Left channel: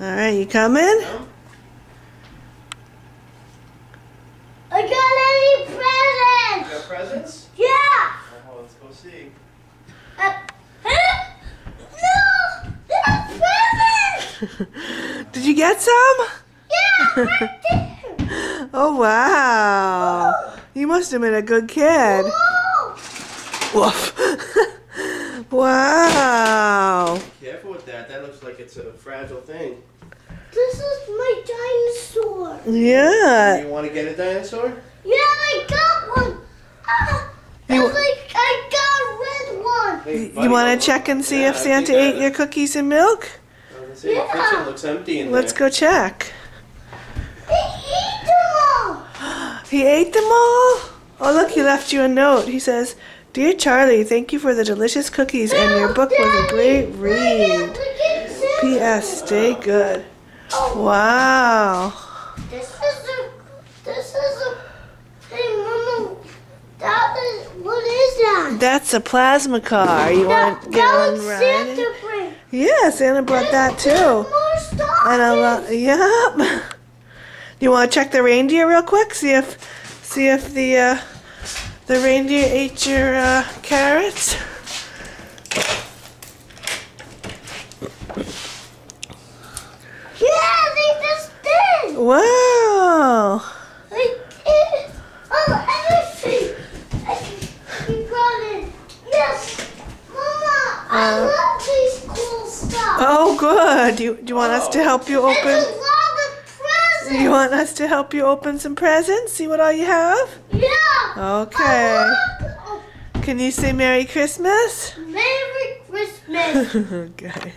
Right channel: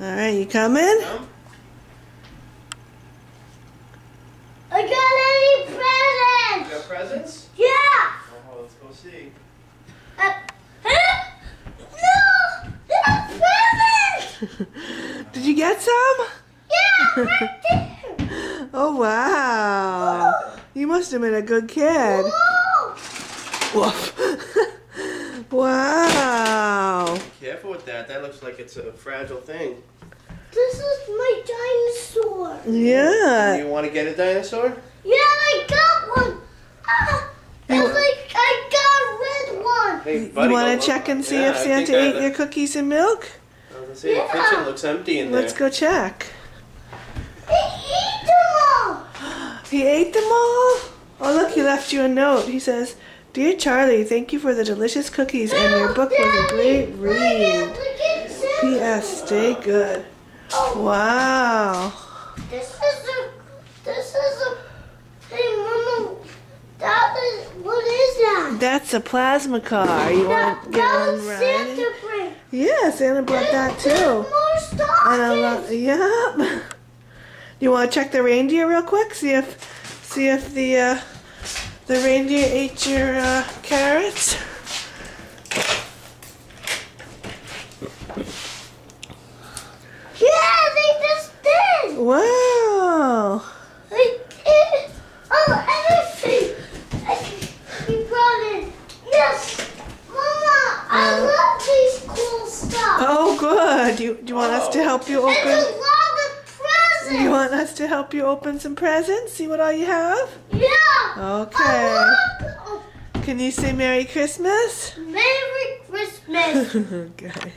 Alright, you coming? I got any presents? You got presents? Yeah. Oh, let's go see. No! There's presents! Did you get some? Yeah, right there. Oh, wow. You must have been a good kid. Whoa. Woof. Wow. Careful with that. That looks like it's a fragile thing. This is my dinosaur. Yeah. You want to get a dinosaur? Yeah, I got one. I got a red one. Hey, You buddy, want go to check and see Yeah, if I Santa think ate your cookies and milk? I was gonna say, the kitchen looks empty in Let's there. go check. He ate them all. He ate them all? Oh, look, he left you a note. He says, "Dear Charlie, thank you for the delicious cookies and your book was a great read. P.S. Stay good." Wow. This is a, hey Mama, what is that? That's a plasma car. You want to get that on was riding? Santa bring. Yeah, Santa brought that too. More stockings. And a lot. Yep. You want to check the reindeer real quick? See if the reindeer ate your carrots. Yeah, they just did. Wow. They did. Oh, everything. He brought it. Yes, Mama, I love these cool stuff. Oh, good. Do you want us to help you There's a open? lot of presents. You want us to help you open some presents? See what all you have? Yeah. Okay. Oh, Can you say Merry Christmas? Merry Christmas. Okay.